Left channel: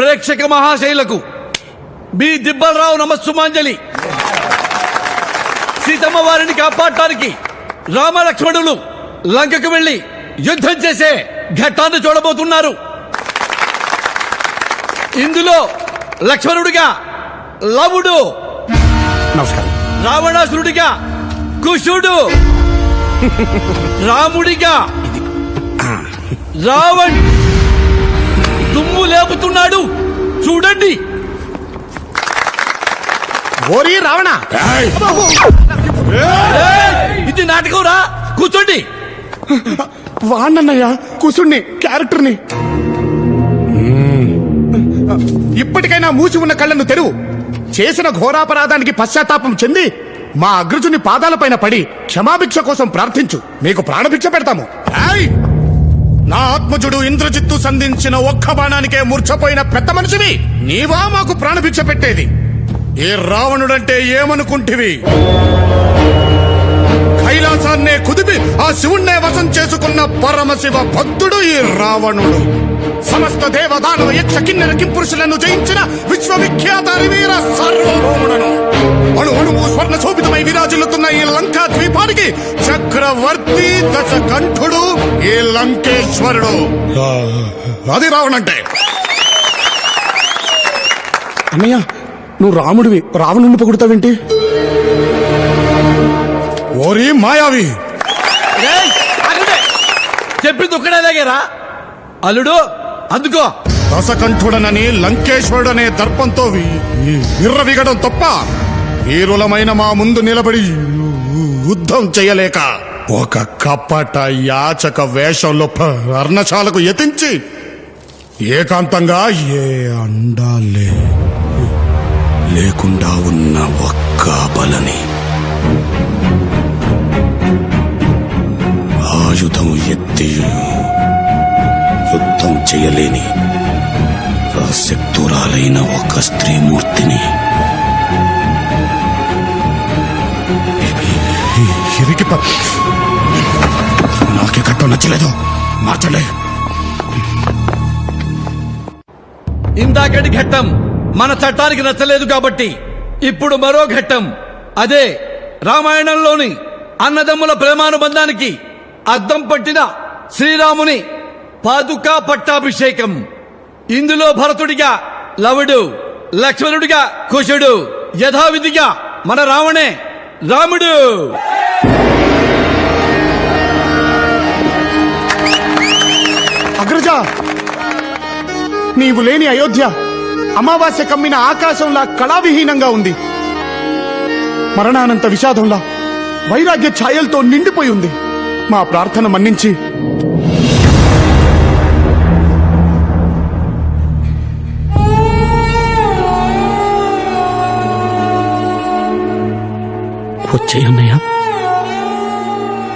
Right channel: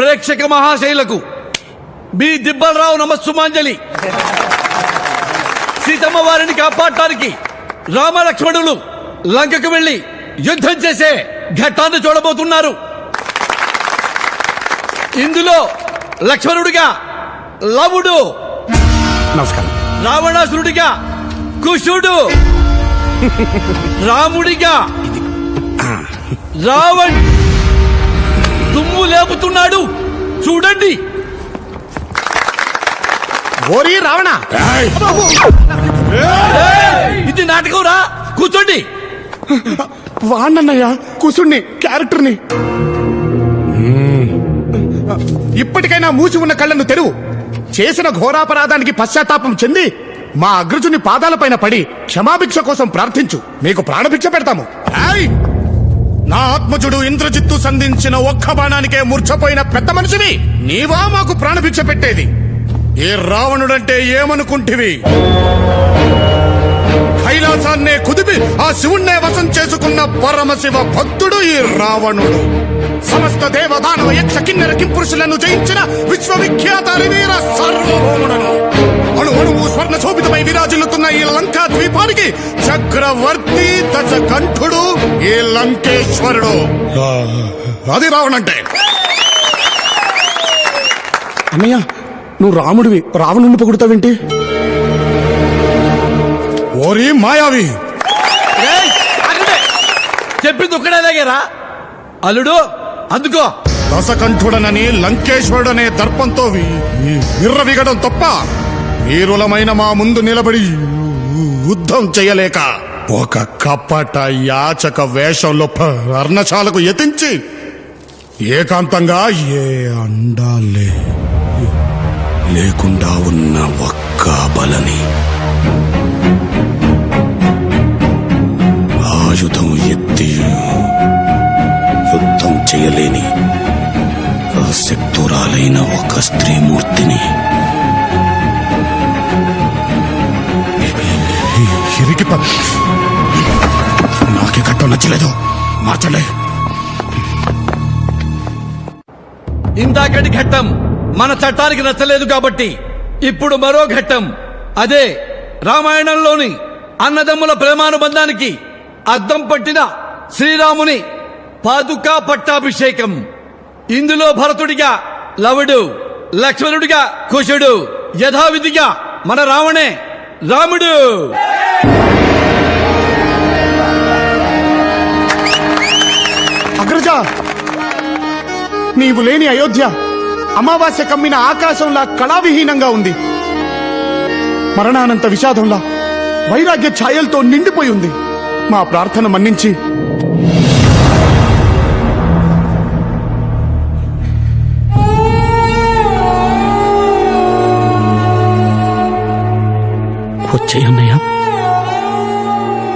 ప్రేక్షక మహాశైలకు మీ దిబ్బలరావు నమస్సుమాంజలి. సీతమ్మ వారిని కాపాడటానికి రామలక్ష్మణులు లంకకు వెళ్లి యుద్ధం చేసే ఘట్టాన్ని చూడబోతున్నారు. ఇందులో లక్ష్మణుడిగా లవుడు, నమస్కారం. రావణాసురుడిగా కుశుడు, రాముడిగా రావణ్ దుమ్ము లేపుతున్నాడు చూడండి. ఓరి రావణ, ఇది నాటకం రా, కూర్చోండి. వాణ్ణన్నయ్య కుసుణ్ణి క్యారెక్టర్ని. ఇప్పటికైనా మూసి ఉన్న కళ్ళను తెరువు. చేసిన ఘోరాపరాధానికి పశ్చాత్తాపం చెంది మా అగ్రజుని పాదాలపైన పడి క్షమాభిక్ష కోసం ప్రార్థించు, మీకు ప్రాణభిక్ష పెడతాము. నా ఆత్మజుడు ఇంద్రజిత్తు సంధించిన ఒక్క బాణానికే మూర్ఛపోయిన పెద్ద మనిషివి నీవా మాకు ప్రాణభిక్ష పెట్టేది? ఏ రావణుడంటే ఏమనుకుంటివి? కైలాసాన్నే కుదిపి ఆ శివుణ్ణే వశం చేసుకున్న పరమశివ భక్తుడు ఈ రావణుడు. సమస్త దేవదానవ యక్ష కిన్నెర కింపురుషులను జయించిన విశ్వవిఖ్యాత వీర సార్వభౌముడను. అణు అణువు స్వర్ణ శోభితమై విరాజిల్లుతున్న ఈ లంకా ద్వీపానికి చక్రవర్తి దశకంఠుడు ఈ లంకేశ్వరుడు. అది రావణంటే. అన్నయ్య, నువ్వు రాముడివి, రావణుని పొగుడుతావేంటి? ఓరి మాయావి, చెప్పింది ఒక్కడేలాగేరా అల్లుడు. అందుకో దశకంఠుడనని లంకేశ్వరుడనే దర్పంతో విర్రవిగడం తప్ప వీరులమైన మా ముందు నిలబడి యుద్ధం చేయలేక ఒక కపట యాచక వేషంలో పర్ణశాలకు యతించి ఏకాంతంగా ఏ అండాలే లేకుండా ఉన్న ఒక్క బలని ఆయుధం ఎత్తి యుద్ధం చేయలేని శక్తురాలైన ఒక స్త్రీమూర్తిని నాకే కట్టం నచ్చలేదు, మార్చలే. ఇందాకటి ఘట్టం మన చట్టానికి నచ్చలేదు కాబట్టి ఇప్పుడు మరో ఘట్టం, అదే రామాయణంలోని అన్నదమ్ముల ప్రేమానుబంధానికి అద్దం పట్టిన శ్రీరాముని పాదుకా పట్టాభిషేకం. ఇందులో భరతుడిగా లవుడు, లక్ష్మణుడిగా కుశుడు, యథావిధిగా మన రావణే రాముడు. అగ్రజ, నీవు లేని అయోధ్య అమావాస్య కమ్మిన ఆకాశంలా కళావిహీనంగా ఉంది. మరణానంత విషాదంలా వైరాగ్య ఛాయలతో నిండిపోయి ఉంది. మా ప్రార్థన మన్నించి వచ్చేయన్నయ్య,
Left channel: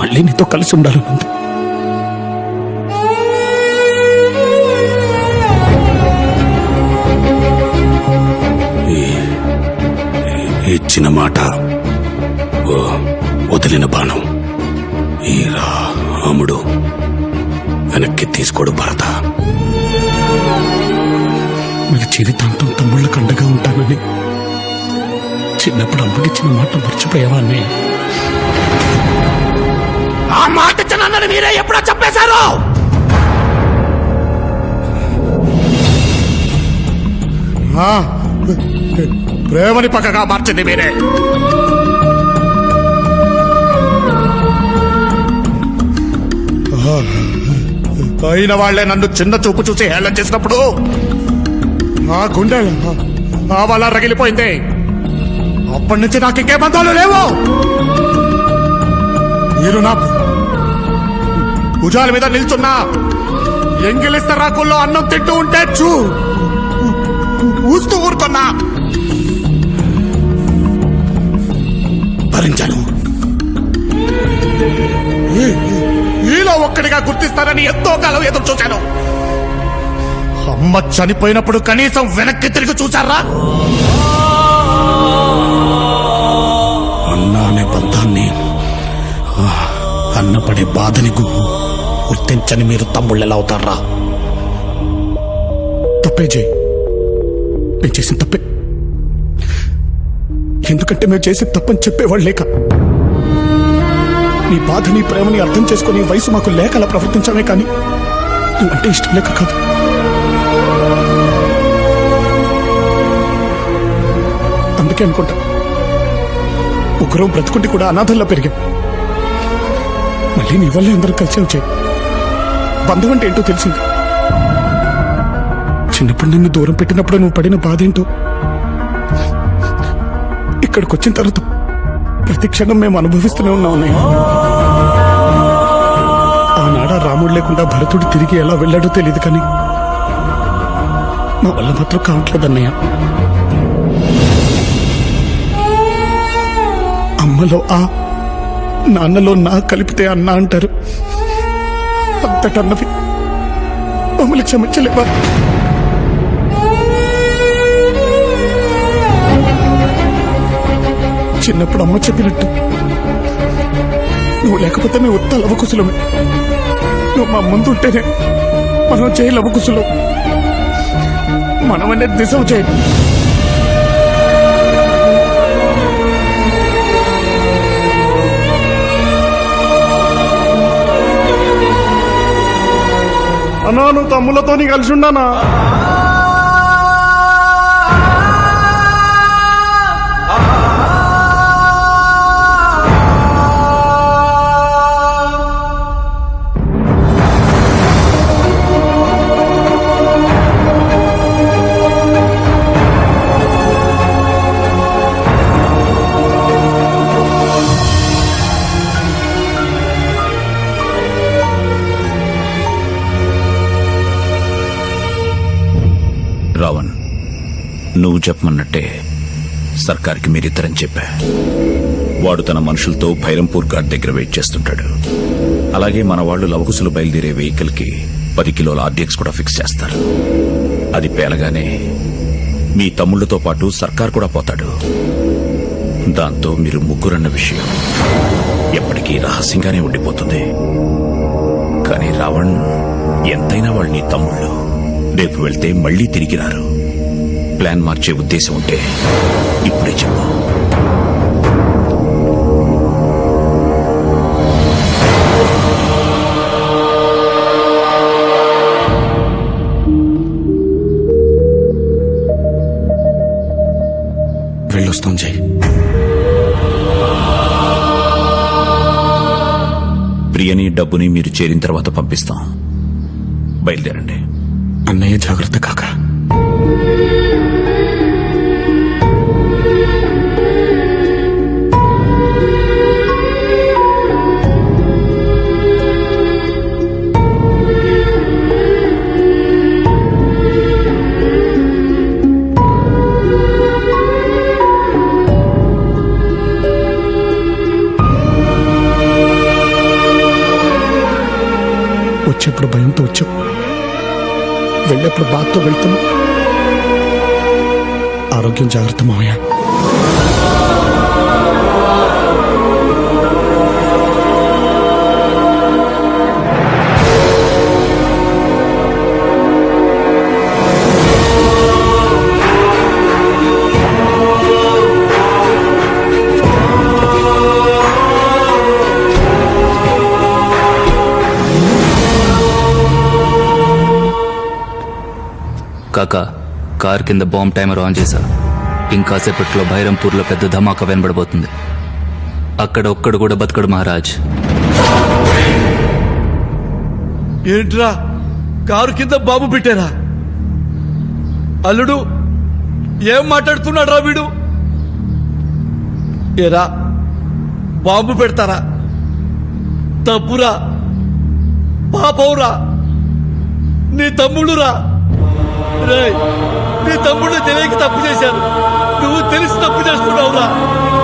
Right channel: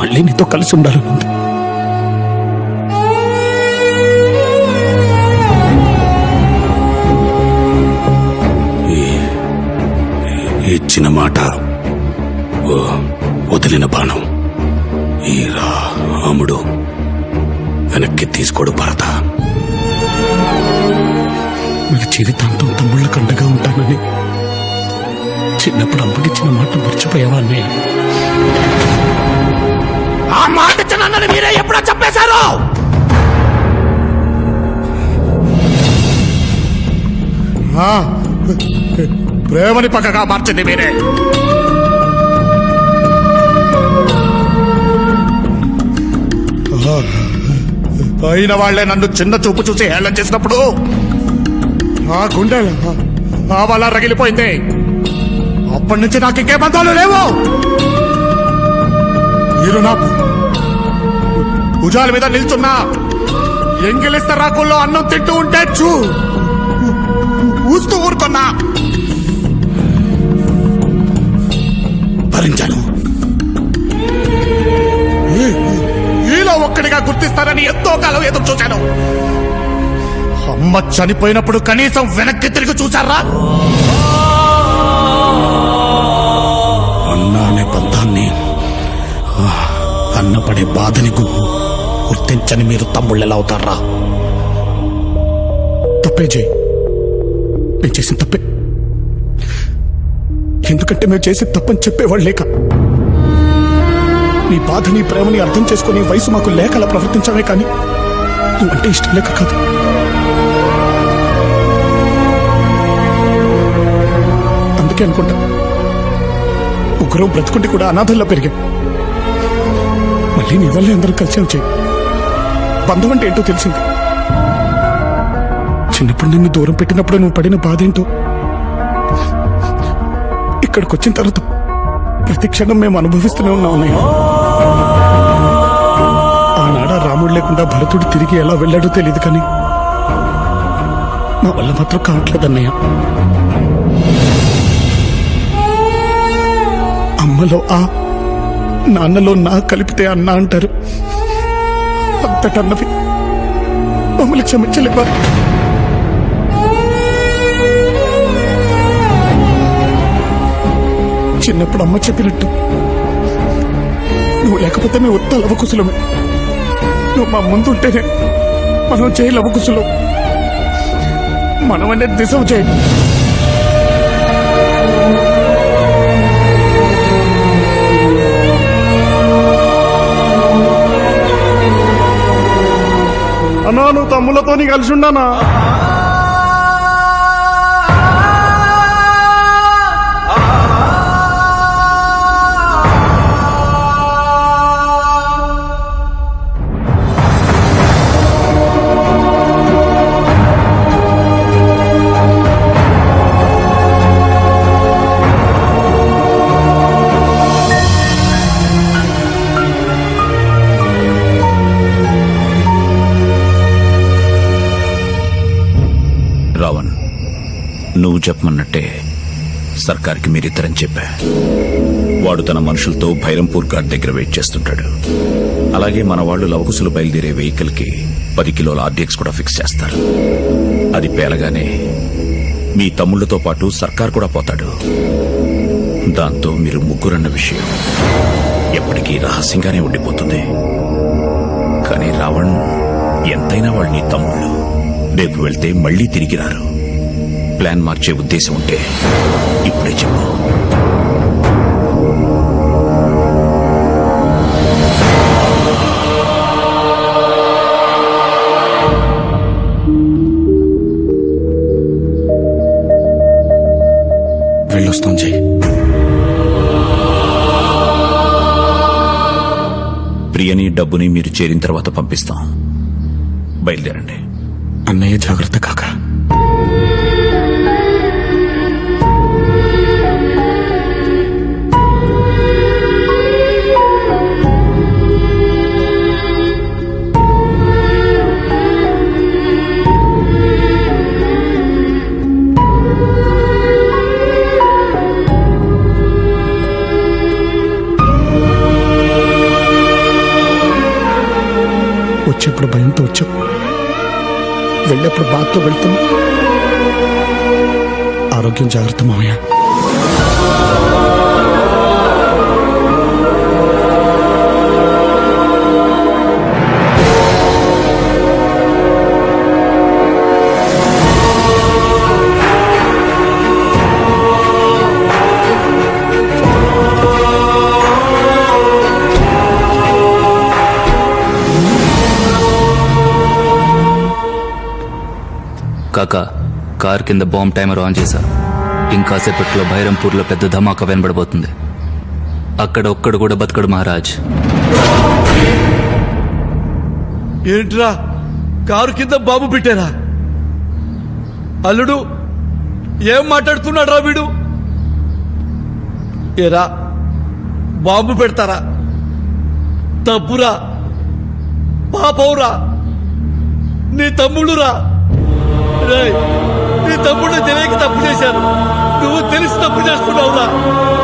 మళ్ళీ నీతో కలిసి ఉండాలనుంది. ఇచ్చిన మాట వదిలిన బాణం ఈ రాముడు వెనక్కి తీసుకోడు భరత. మీకు జీవితాంతం తమ్ముళ్ళ కండగా ఉంటానని చిన్నప్పుడు అమ్మకిచ్చిన మాట మర్చిపోయావా అన్నయ్య? ఆ మాట ఇచ్చినన్నది మీరే ఎప్పుడో చెప్పేశారు. ప్రేమని పక్కగా మార్చింది మీరే. అయిన వాళ్లే నన్ను చిన్న చూపు చూసి హేళన చేసినప్పుడు ఆ గుండె ఆ వల్ల రగిలిపోయింది. అప్పటి నుంచి నాకు ఇంకే బంధాలు లేవు. మీరు నాకు భుజాల మీద నిల్చున్నా ఎంగిలిస్త రాకుల్లో అన్నం తింటూ ఉంటే చూస్తూ ఊరుకున్నా. భరించాను. ఈలో ఒక్కడిగా గుర్తిస్తారని ఎంతో కాలం ఎదురు చూశాను. అమ్మ చనిపోయినప్పుడు కనీసం వెనక్కి తిరిగి చూశారా? అన్న అనే బంధాన్ని, అన్నపడే బాధని గుర్తించని మీరు తమ్ముళ్ళు ఎలా అవుతారా? తప్పే చేయి. నేను చేసిన తప్పే. ఎందుకంటే మేము చేసే తప్పని చెప్పేవాళ్ళు లేక. నీ బాధ, నీ ప్రేమని అర్థం చేసుకుని వయసు మాకు లేక అలా ప్రవర్తించామే, కానీ నువ్వంటే ఇష్టం లేక కాదు. అందుకే అనుకుంటా ముగ్గురు బ్రతుకుంటే కూడా అనాథల్లో పెరిగాం. మళ్ళీ నీ వల్లే అందరూ కలిసి వచ్చాయి. బంధం అంటే ఏంటో తెలిసింది. చిన్నప్పుడు నిన్ను దూరం పెట్టినప్పుడు నువ్వు పడిన బాధ ఏంటో ఇక్కడికి వచ్చిన తర్వాత ప్రతి క్షణం మేము అనుభవిస్తూనే ఉన్నాం అన్నయ్య. ఆనాడ రాముడు లేకుండా భరతుడు తిరిగి ఎలా వెళ్ళాడో తెలియదు, కానీ మా వల్ల మాత్రం కావట్లేదన్నయ్య. అమ్మలో ఆ, నాన్నలో నా కలిపితే అన్న అంటారు. అంతటన్నవి మమ్మల్ని క్షమించలేవా? చిన్నప్పుడు అమ్మ చెప్పినట్టు నువ్వు లేకపోతే మేము ఉత్త లవకుశలమే. నువ్వు మా ముందుంటేనే మనం చేయ లవకుశలం. మనం అనేది నిజం చేయండి. అన్నా, నువ్వు తమ్ములతో కలిసి ఉన్నానా? రావణ్, నువ్వు చెప్పమన్నట్టే సర్కార్కి మీరిద్దరని చెప్పా. వాడు తన మనుషులతో భైరంపూర్ ఘాట్ దగ్గర వెయిట్ చేస్తుంటాడు. అలాగే మన వాళ్ళు లవకుశలు బయలుదేరే వెహికల్ కి 10 కిలోల ఆర్డీఎక్స్ కూడా ఫిక్స్ చేస్తారు. అది పేలగానే మీ తమ్ముళ్లతో పాటు సర్కార్ కూడా పోతాడు. దాంతో మీరు ముగ్గురన్న విషయం ఎప్పటికీ రహస్యంగానే ఉండిపోతుంది. కానీ రావణ్, ఎంతైనా వాళ్ళు నీ తమ్ముళ్ళు. రేపు వెళ్తే మళ్లీ తిరిగి రారు. ప్లాన్ మార్చే ఉద్దేశం ఉంటే ఇప్పుడే చెప్పు. వెళ్ళొస్తాం జై. ప్రియని, డబ్బుని మీరు చేరిన తర్వాత పంపిస్తాం. బయలుదేరండి. అన్నయ్య జాగ్రత్త కాక. వచ్చేప్పుడు భయంతో వచ్చావు, వెళ్ళేప్పుడు బాధతో వెళ్తున్నా. ఆరోగ్యం జాగ్రత్త మావయ్య. కాకా, కార్ కింద బాంబ్ టైమర్ ఆన్ చేశా. ఇంకాసేపట్లో భైరంపూర్లో పెద్ద ధమాకా వినబడబోతుంది. అక్కడ ఒక్కడు కూడా బతకడు మహారాజ్. ఏంట్రా, కారు కింద బాబు పెట్టారా? అల్లుడు, ఏం మాట్లాడుతున్నాడు రా వీడు? ఏరా, బాంబు పెడతారా? తప్పురా, పాపవురా, నీ తమ్ముడురా. రేయ్, నీ తమ్ముడు తెలియక తప్పు చేశాను, నువ్వు తెలిసి తప్పు చేస్తున్నావురా.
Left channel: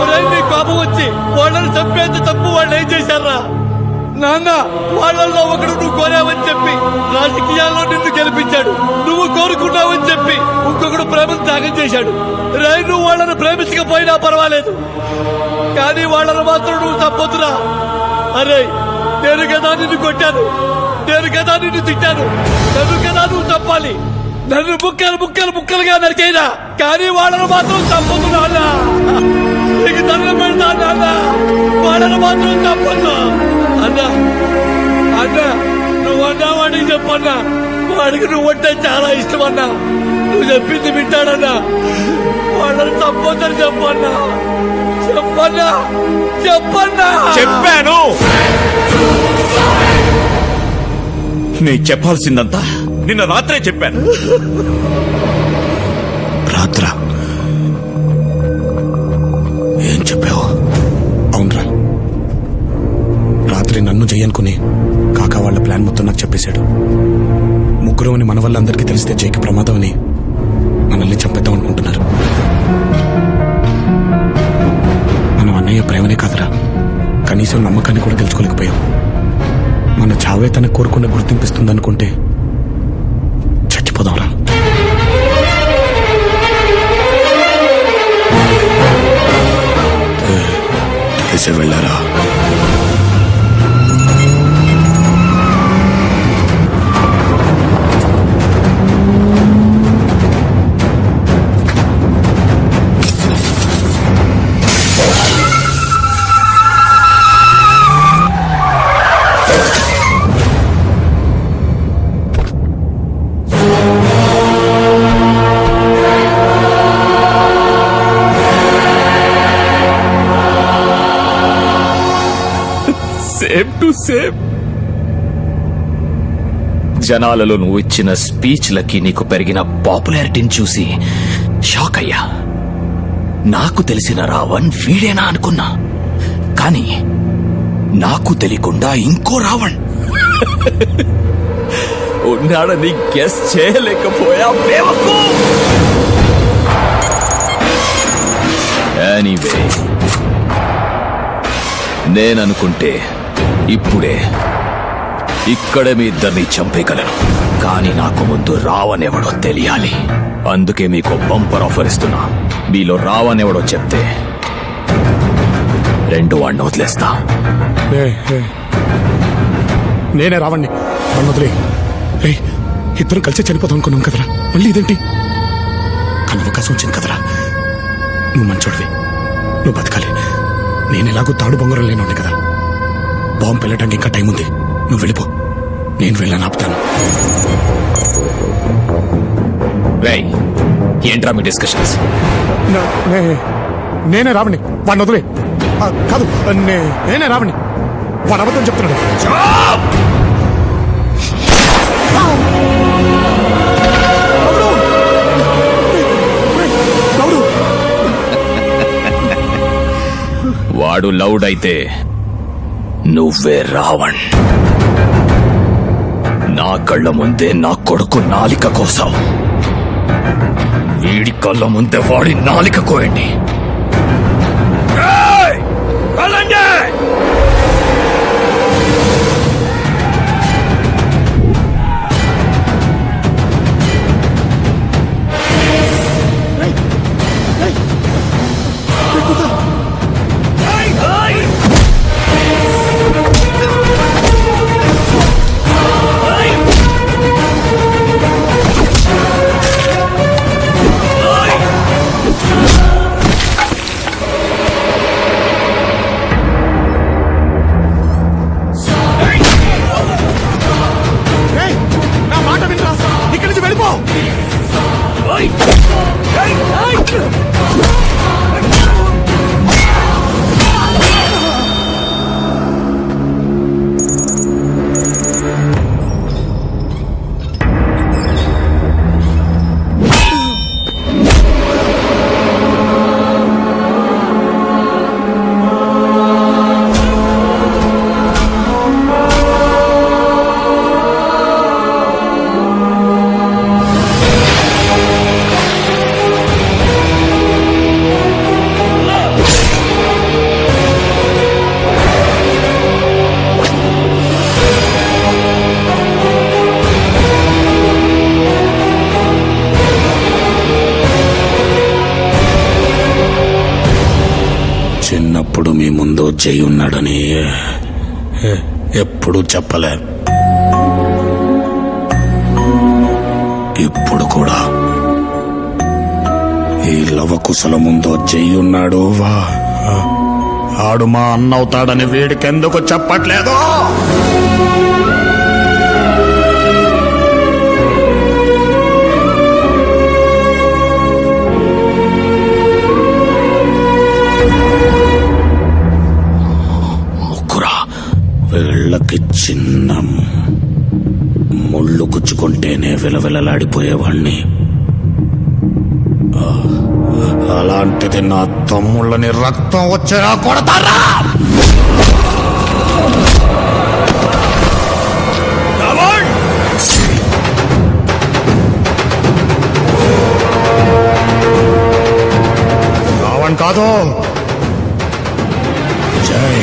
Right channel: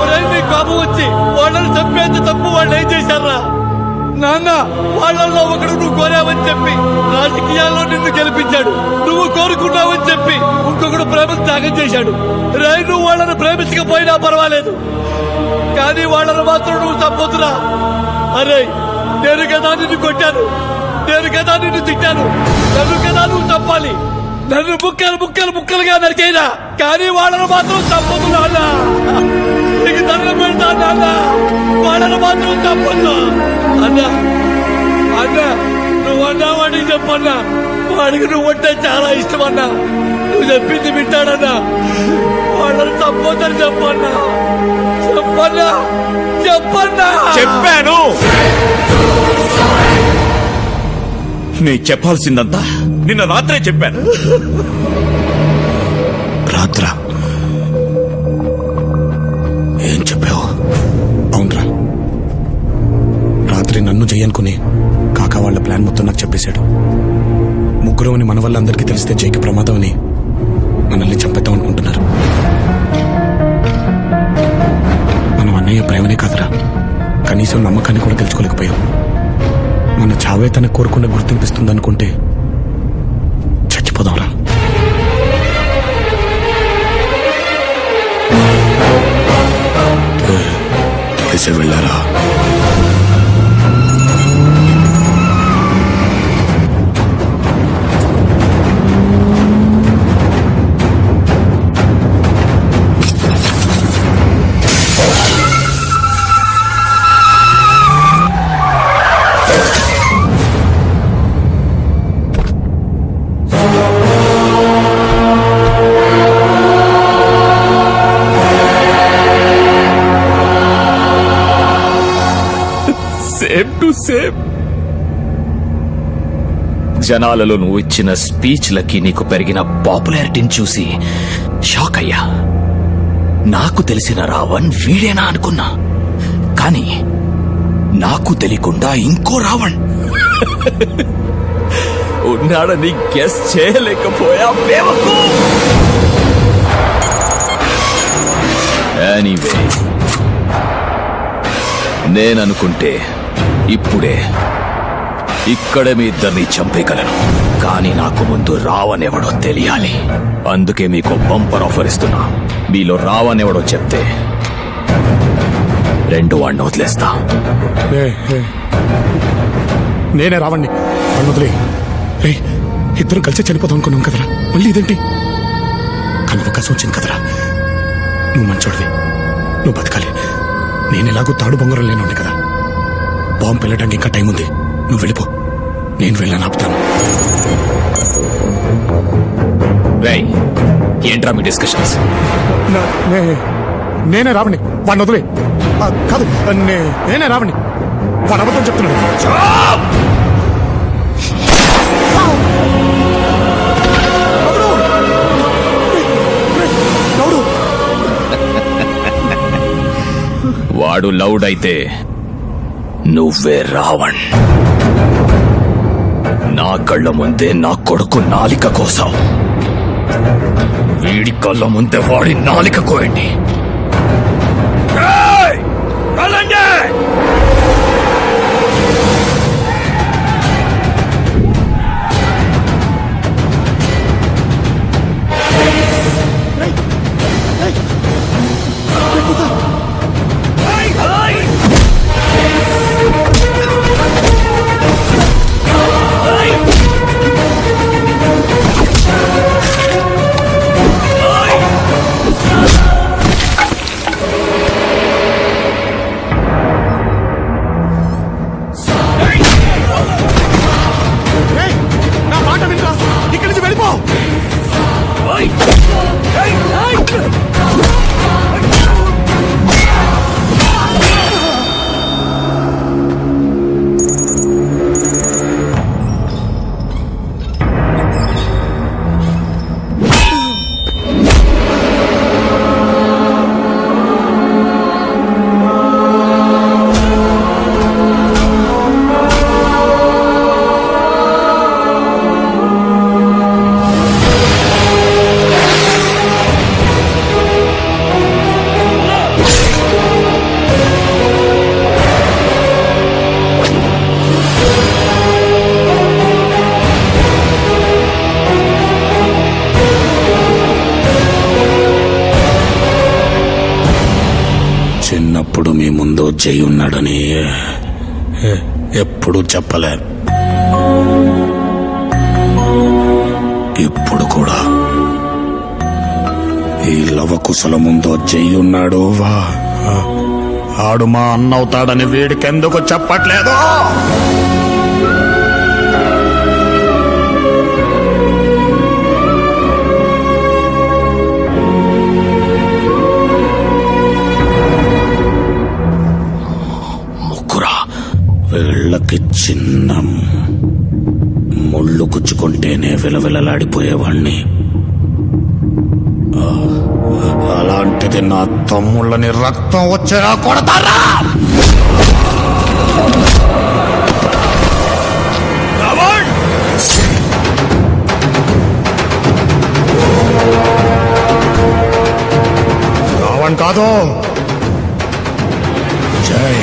ఒరేయ్, నీ కోపం వచ్చి వాళ్ళని చంపేంత తప్పు వాళ్ళు ఏం చేశారా? నాన్న, వాళ్ళల్లో ఒకడు నువ్వు కోరావని చెప్పి రాజకీయాల్లో నిన్ను గెలిపించాడు. నువ్వు కోరుకున్నావని చెప్పి ఇంకొకడు ప్రేమను త్యాగం చేశాడు. రేయ్, నువ్వు వాళ్ళని ప్రేమించకపోయినా పర్వాలేదు, కానీ వాళ్ళని మాత్రం నువ్వు తప్పొద్దురా. అరే, నేను కదా నిన్ను కొట్టాను, నేను కదా నిన్ను తిట్టాను, నన్ను కదా నువ్వు తప్పాలి. నన్ను ముక్కలుగా నరికేనా కానీ వాళ్ళను మాత్రం తప్పదు నాన్న. నీకు దండం పెడతా నాన్న, వాళ్ళను మాత్రం తప్పదు అన్నా. అన్నా నువ్వు అన్నావాడికి చెప్పన్నా, వాడికి నువ్వు అంటే చాలా ఇష్టం అన్నా. నువ్వు చెప్పింది వింటాడన్నా, వాళ్ళని తప్పొద్దని చెప్పన్నా. చెప్పన్నా చెప్పాను. నీ చెప్పాల్సిందంతా నిన్న రాత్రే చెప్పాను. రాత్ర ఏం చెప్పావు? అవునరా, రాత్రి నన్ను జయనుకుని కాకా వాళ్ళ ప్లాన్ మొత్తం నాకు చెప్పేశాడు. ముగ్గురు అని మన వల్ల అందరికీ తెలిస్తే జైకి ప్రమాదం అని మనల్ని చంపేద్దాం అనుకుంటున్నారు. మనం అన్నయ్య ప్రేమనే కాదురా, కనీసం నమ్మకాన్ని కూడా గెలుచుకోలేకపోయాం. మన చావే తన కోరుకున్న గుర్తింపిస్తుందనుకుంటే చచ్చిపోదాంరా. తెలిసే వెళ్ళారా? Same to same. జనాలలో నువ్వు ఇచ్చిన స్పీచ్లకి నీకు పెరిగిన పాపులారిటీని చూసి షాక్ అయ్యా. నాకు తెలిసిన రావణ్ వీడేనా అనుకున్నా, కానీ నాకు తెలియకుండా ఇంకో రావణ్ ఉన్నాడని గెస్ చేయలేకపోయా. బేవకు. ఎనీవే, నేననుకుంటే ఇప్పుడే ఇక్కడే మీ ఇద్దరిని చంపేయగలను, కానీ నాకు ముందు రావణ్ ఎవడో తెలియాలి. అందుకే మీకు బంపర్ ఆఫర్ ఇస్తున్నా. మీలో రావణ్ ఎవడో చెప్తే రెండు వాడిని వదిలేస్తా. నేనే రావణ్ణి, వాడిని వదిలే. ఇద్దరు కలిసి చనిపోతాం అనుకున్నాం కదరా, మళ్ళీ ఇదేంటి? కానీ అవకాశం వచ్చింది కదరా. నువ్వు మంచోడివి, నువ్వు బతకాలి. నేనెలాగూ తాడు బొంగరం లేనుండే కదా. బాంబు పెళ్ళటానికి ఇంకా టైం ఉంది. నువ్వు వెళ్ళిపో, నేను వెళ్ళాను ఆపుతాను. రేయ్, ఏంట్రా మీ డిస్కషన్స్? నేనే రావణ్ణి, వాడిని వదిలే. కాదు, నేనే రావణ్ణి. వాడు అబద్ధం చెప్తున్నాడు. వాడు లౌడ్ అయితే నువ్వే రావణ్. నా కళ్ళ ముందే నా కొడుకు నాలిక కోసావు, వీడి కళ్ళ ముందే వాడి నాలిక కోయండి. నా మాట వినరా, ఇక్కడి నుంచి వెళ్ళిపో. చిన్నప్పుడు మీ ముందు జై ఉన్నాడని ఎప్పుడూ చెప్పలే. ఇప్పుడు కూడా ఈ లవకుశల ముందో చెయ్యున్నాడు వా ఆడు మా అన్నవుతాడని వీడికెందుకు చెప్పట్లేదు? ముగ్గురా వీళ్ళకి చిన్న ముళ్ళు గుచ్చుకుంటేనే విలవిలలాడిపోయేవాణ్ణి. అలాంటిది నా తమ్ముళ్ళని రక్తం వచ్చేలా కొడతారా? రావణ్ కాదు, జై.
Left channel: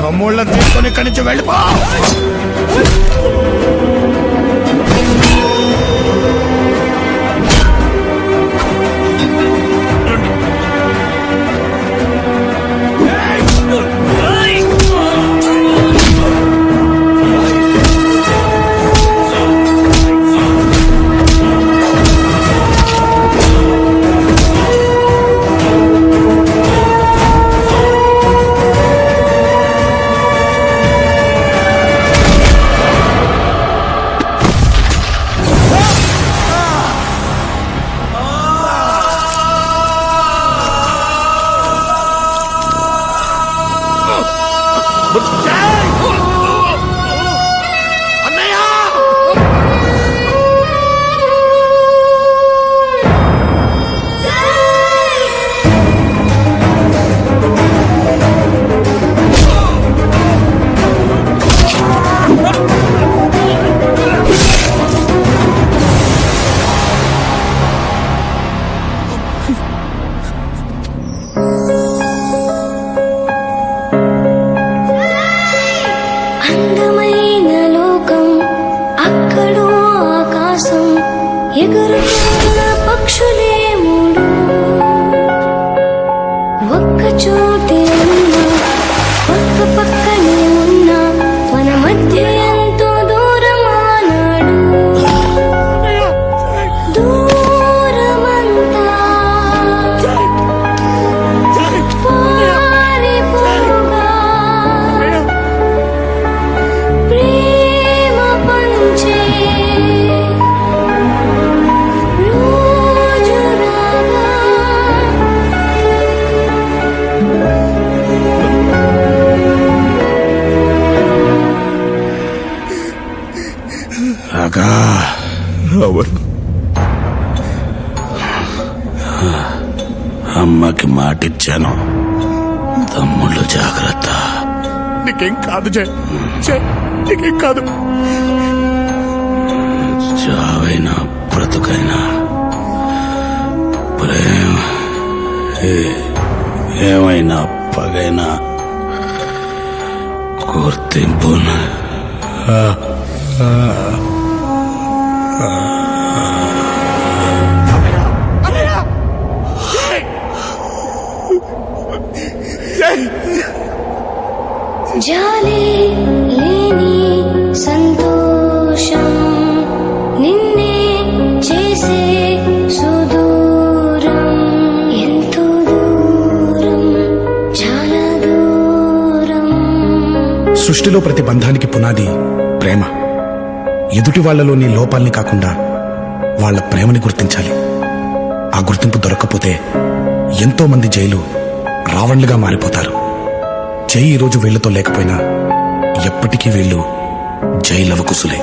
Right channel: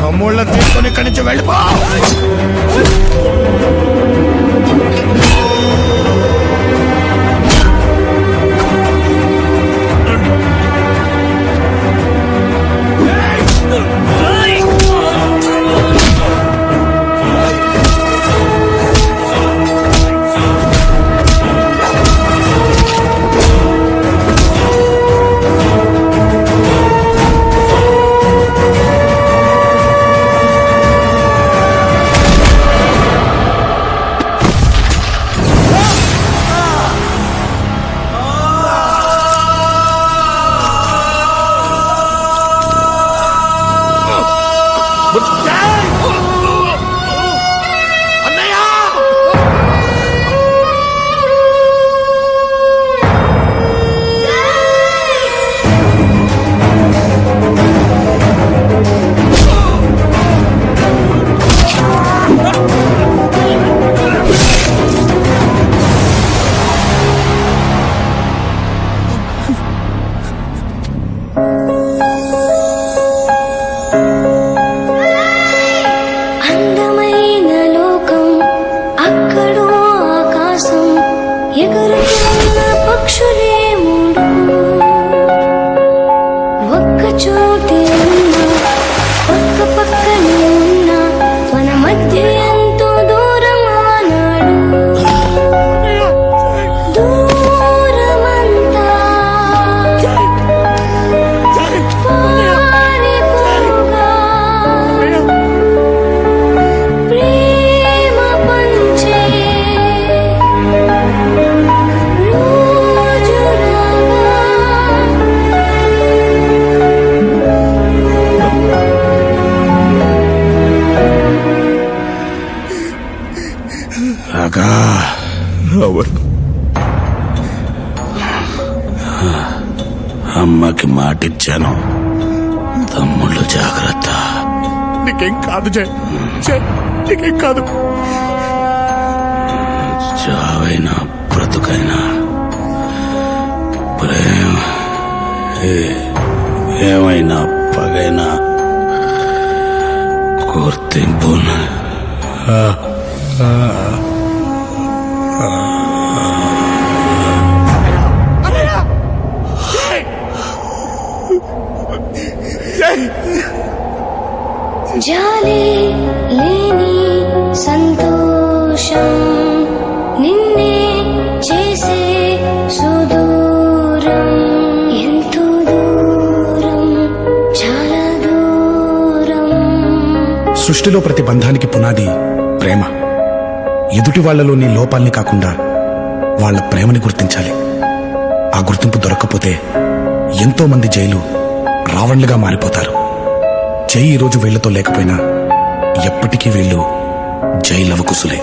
తమ్ముళ్ళని తీసుకొని ఇక్కడి నుంచి వెళ్ళిపో. ఎగురుతున్న పక్షులే మూడు ఒక్క చోటే ఉన్నా పక్క పక్కనే ఉన్నా మన మధ్య ప్రేమ పంచే రోజు రాగా రాగా రావణ్, అమ్మకి మాటిచ్చాను, తమ్ముళ్ళు జాగ్రత్త. నీకేం కాదు జై, నీకేం కాదు. చావైనా బ్రతుకైనా ప్రేమ ఏమైనా పగైనా గుర్తింపు జాలి లేని సంతోషం నిన్నే చేసే సుదూరం, ఎంతో దూరం, చాలా దూరం. సృష్టిలో ప్రతి బంధానికి పునాది ప్రేమ. ఎదుటి వాళ్లలోని లోపాల్ని కాకుండా వాళ్ళ ప్రేమని గుర్తించాలి. ఆ గుర్తింపు దొరక్కపోతే ఎంతో మంది జైలు రావణ్లుగా మారిపోతారు. జై ఈరోజు వీళ్లతో లేకపోయినా ఎప్పటికీ వీళ్ళు జై లవకుశులే.